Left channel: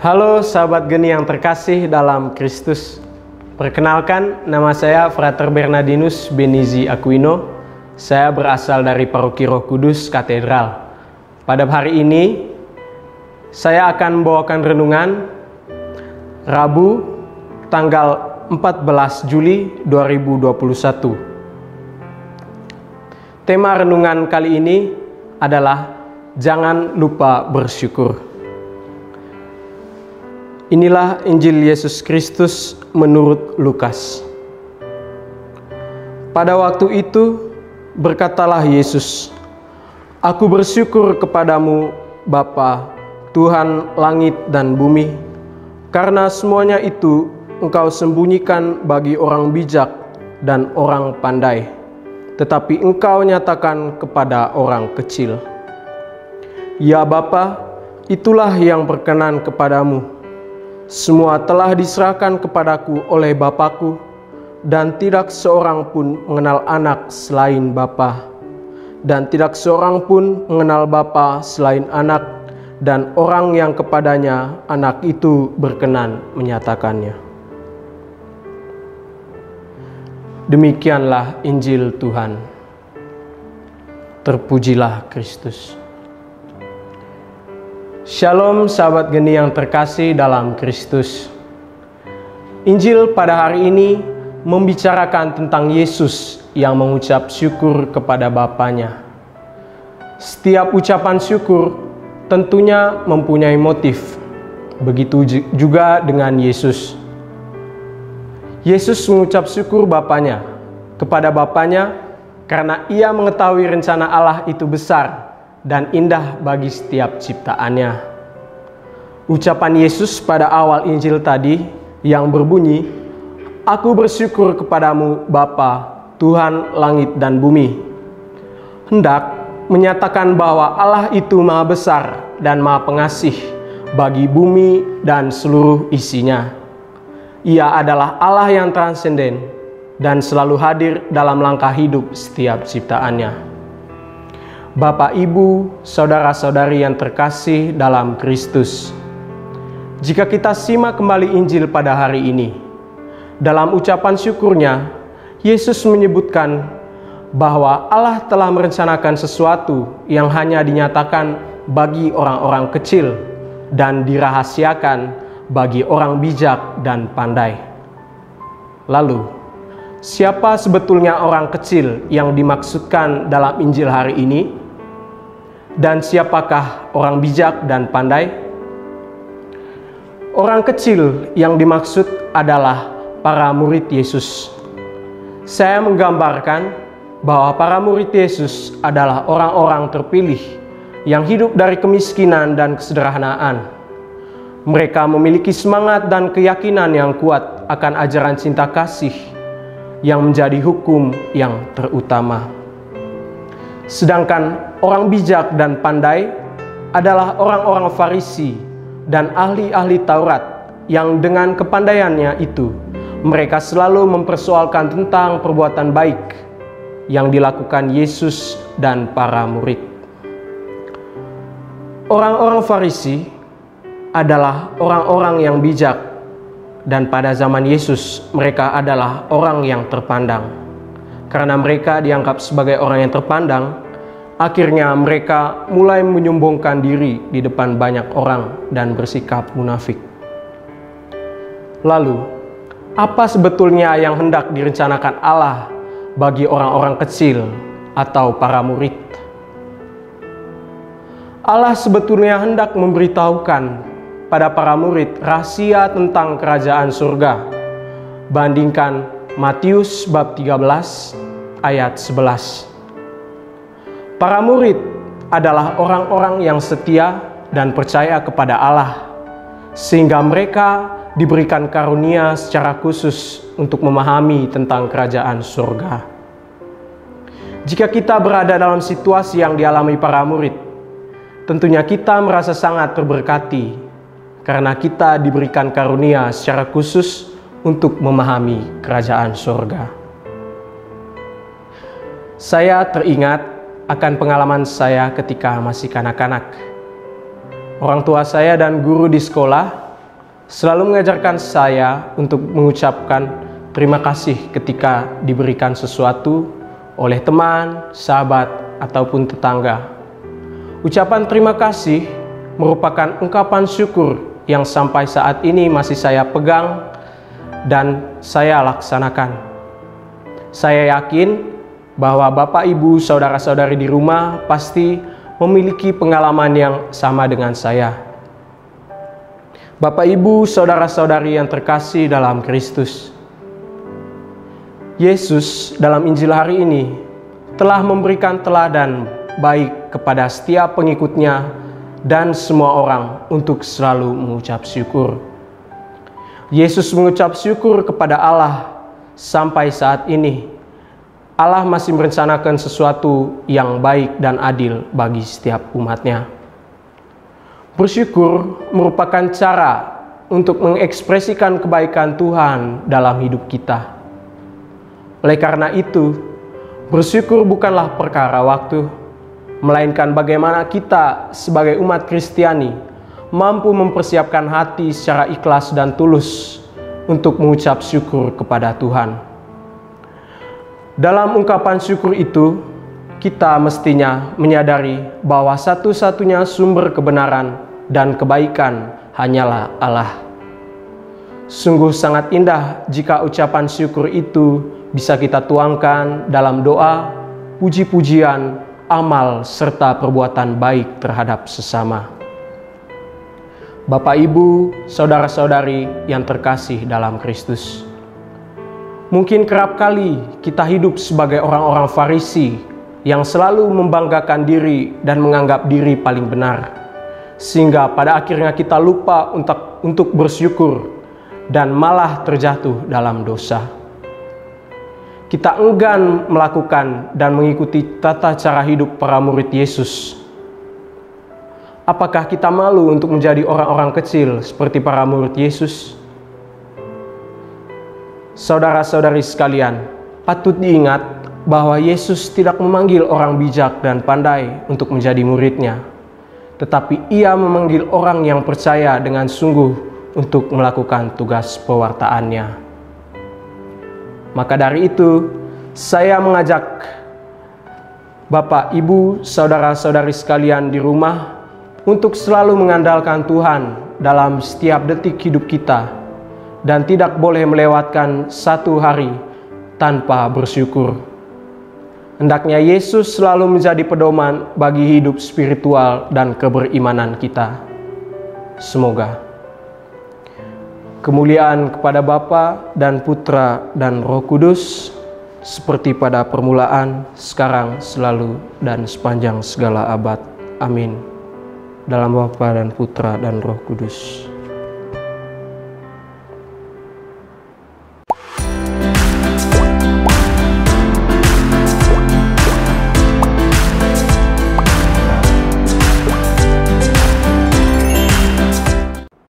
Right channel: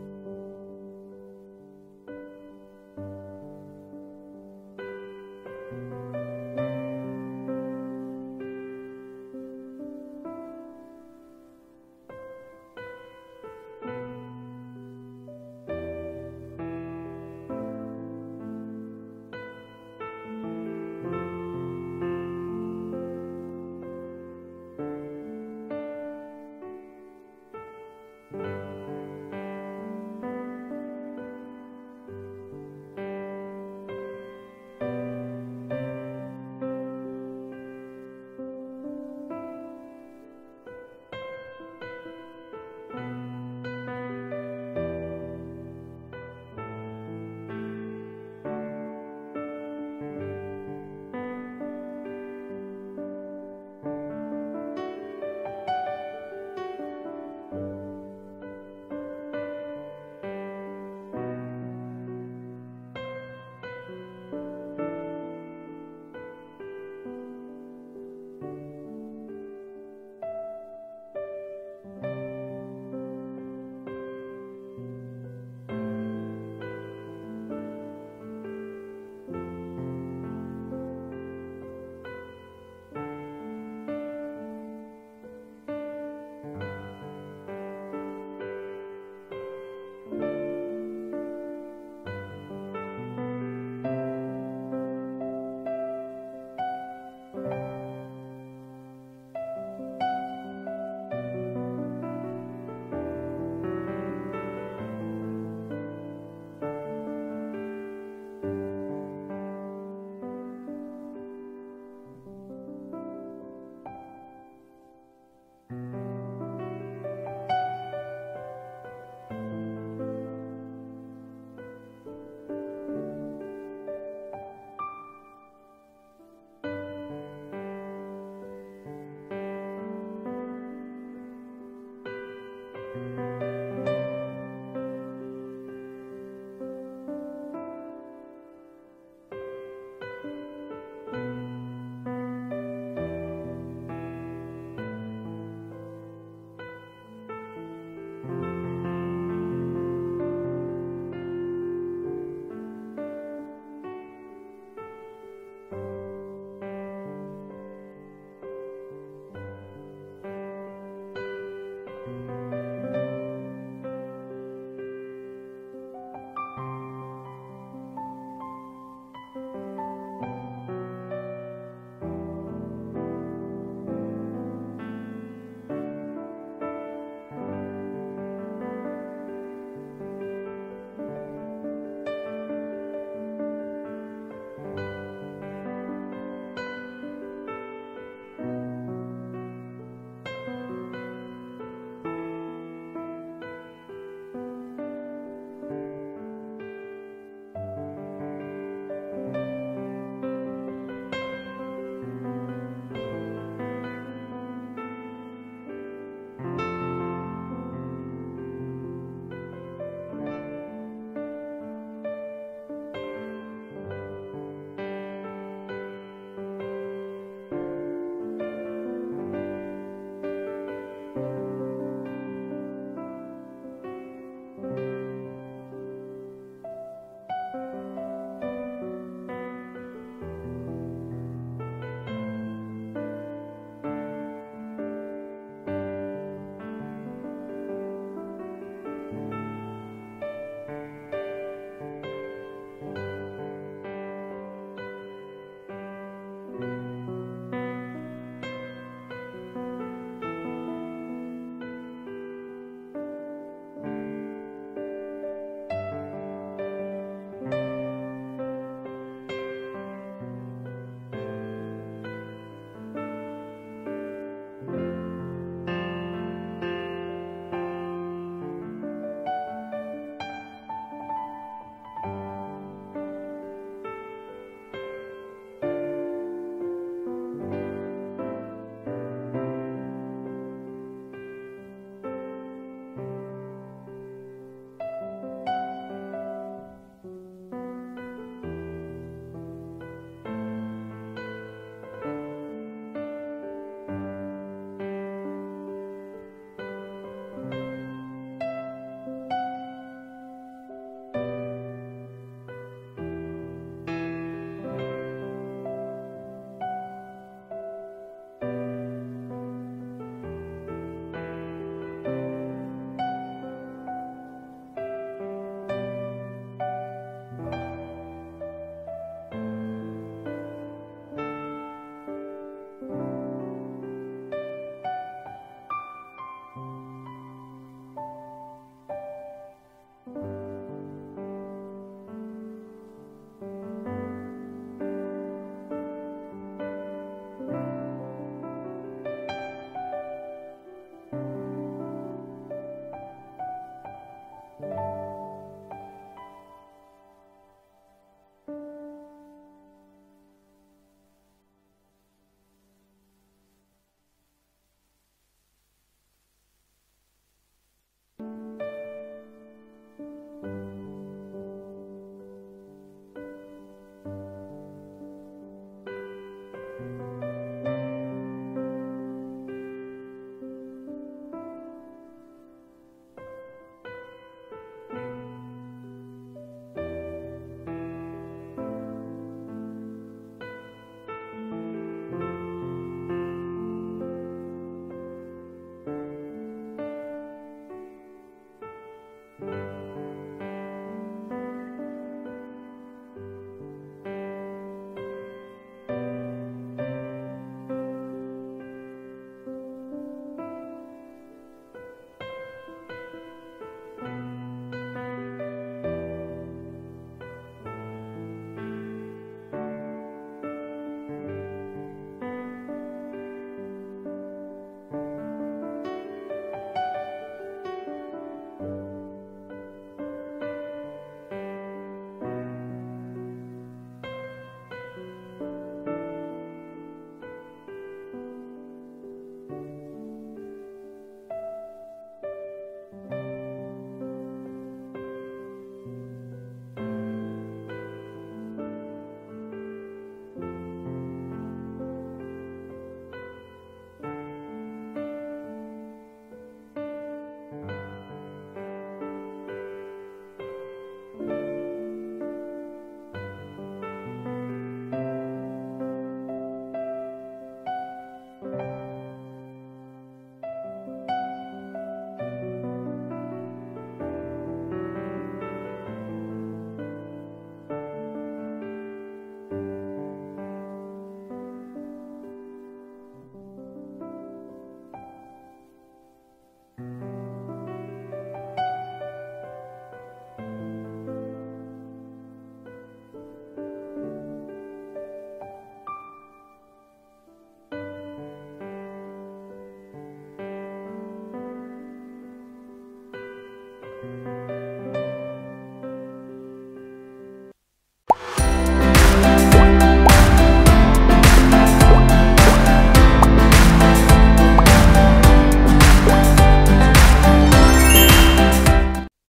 Halo sahabat geni yang terkasih dalam Kristus. Perkenalkan, nama saya Frater Bernardinus Benizi Aquino. Saya berasal dari Paroki Roh Kudus Katedral. Pada hari ini, saya akan membawakan renungan Rabu tanggal 14 Juli 2021. Tema renungan kali ini adalah jangan lupa bersyukur. Inilah Injil Yesus Kristus menurut Lukas. Pada waktu itu berkatalah Yesus, "Aku bersyukur kepadamu, Bapa, Tuhan langit dan bumi, karena semuanya itu Engkau sembunyikan bagi orang bijak dan orang pandai, tetapi Engkau nyatakan kepada orang kecil. Ya Bapa, itulah yang berkenan kepadamu. Semua telah diserahkan kepadaku oleh Bapakku, dan tidak seorang pun mengenal anak selain Bapa, dan tidak seorang pun mengenal Bapa selain anak, dan orang yang kepadanya anak itu berkenan menyatakannya." Demikianlah Injil Tuhan. Terpujilah Kristus. Shalom sahabat geni yang terkasih dalam Kristus. Injil pada hari ini membicarakan tentang Yesus yang mengucap syukur kepada Bapanya. Setiap ucapan syukur tentunya mempunyai motif. Begitu juga dengan Yesus. Yesus mengucap syukur kepada Bapanya karena Ia mengetahui rencana Allah itu besar dan indah bagi setiap ciptaannya. Ucapan Yesus pada awal Injil tadi yang berbunyi, "Aku bersyukur kepadamu Bapa, Tuhan langit dan bumi," hendak menyatakan bahwa Allah itu Maha Besar dan Maha Pengasih bagi bumi dan seluruh isinya. Ia adalah Allah yang transenden dan selalu hadir dalam langkah hidup setiap ciptaannya. Bapak, Ibu, saudara-saudari yang terkasih dalam Kristus. Jika kita simak kembali Injil pada hari ini, dalam ucapan syukurnya, Yesus menyebutkan bahwa Allah telah merencanakan sesuatu yang hanya dinyatakan bagi orang-orang kecil dan dirahasiakan bagi orang bijak dan pandai. Lalu, siapa sebetulnya orang kecil yang dimaksudkan dalam Injil hari ini? Dan siapakah orang bijak dan pandai? Orang kecil yang dimaksud adalah para murid Yesus. Saya menggambarkan bahwa para murid Yesus adalah orang-orang terpilih yang hidup dari kemiskinan dan kesederhanaan. Mereka memiliki semangat dan keyakinan yang kuat akan ajaran cinta kasih yang menjadi hukum yang terutama. Sedangkan orang bijak dan pandai adalah orang-orang Farisi dan ahli-ahli Taurat yang dengan kepandaiannya itu mereka selalu mempersoalkan tentang perbuatan baik yang dilakukan Yesus dan para murid. Orang-orang Farisi adalah orang-orang yang bijak, dan pada zaman Yesus mereka adalah orang yang terpandang. Karena mereka dianggap sebagai orang yang terpandang, akhirnya mereka mulai menyombongkan diri di depan banyak orang dan bersikap munafik. Lalu, apa sebetulnya yang hendak direncanakan Allah bagi orang-orang kecil atau para murid? Allah sebetulnya hendak memberitahukan pada para murid rahasia tentang kerajaan surga. Bandingkan Matius bab 13 ayat 11. Para murid adalah orang-orang yang setia dan percaya kepada Allah, sehingga mereka diberikan karunia secara khusus untuk memahami tentang kerajaan surga. Jika kita berada dalam situasi yang dialami para murid, tentunya kita merasa sangat terberkati karena kita diberikan karunia secara khusus untuk memahami kerajaan surga. Saya teringat akan pengalaman saya ketika masih kanak-kanak. Orang tua saya dan guru di sekolah selalu mengajarkan saya untuk mengucapkan terima kasih ketika diberikan sesuatu oleh teman, sahabat, ataupun tetangga. Ucapan terima kasih merupakan ungkapan syukur yang sampai saat ini masih saya pegang dan saya laksanakan. Saya yakin bahwa Bapak, Ibu, saudara-saudari di rumah pasti memiliki pengalaman yang sama dengan saya. Bapak, Ibu, saudara-saudari yang terkasih dalam Kristus, Yesus dalam Injil hari ini telah memberikan teladan baik kepada setiap pengikutnya dan semua orang untuk selalu mengucap syukur. Yesus mengucap syukur kepada Allah sampai saat ini. Allah masih merencanakan sesuatu yang baik dan adil bagi setiap umatnya. Bersyukur merupakan cara untuk mengekspresikan kebaikan Tuhan dalam hidup kita. Oleh karena itu, bersyukur bukanlah perkara waktu, melainkan bagaimana kita sebagai umat Kristiani mampu mempersiapkan hati secara ikhlas dan tulus untuk mengucap syukur kepada Tuhan. Dalam ungkapan syukur itu, kita mestinya menyadari bahwa satu-satunya sumber kebenaran dan kebaikan hanyalah Allah. Sungguh sangat indah jika ucapan syukur itu bisa kita tuangkan dalam doa, puji-pujian, amal, serta perbuatan baik terhadap sesama. Bapak, Ibu, saudara-saudari yang terkasih dalam Kristus, mungkin kerap kali kita hidup sebagai orang-orang Farisi yang selalu membanggakan diri dan menganggap diri paling benar, sehingga pada akhirnya kita lupa untuk bersyukur dan malah terjatuh dalam dosa. Kita enggan melakukan dan mengikuti tata cara hidup para murid Yesus. Apakah kita malu untuk menjadi orang-orang kecil seperti para murid Yesus? Saudara-saudari sekalian, patut diingat bahwa Yesus tidak memanggil orang bijak dan pandai untuk menjadi muridnya, tetapi Ia memanggil orang yang percaya dengan sungguh untuk melakukan tugas pewartaannya. Maka dari itu, saya mengajak Bapak, Ibu, saudara-saudari sekalian di rumah untuk selalu mengandalkan Tuhan dalam setiap detik hidup kita dan tidak boleh melewatkan satu hari tanpa bersyukur. Hendaknya Yesus selalu menjadi pedoman bagi hidup spiritual dan keberimanan kita. Semoga kemuliaan kepada Bapa dan Putra dan Roh Kudus, seperti pada permulaan, sekarang, selalu, dan sepanjang segala abad. Amin. Dalam Bapa dan Putra dan Roh Kudus.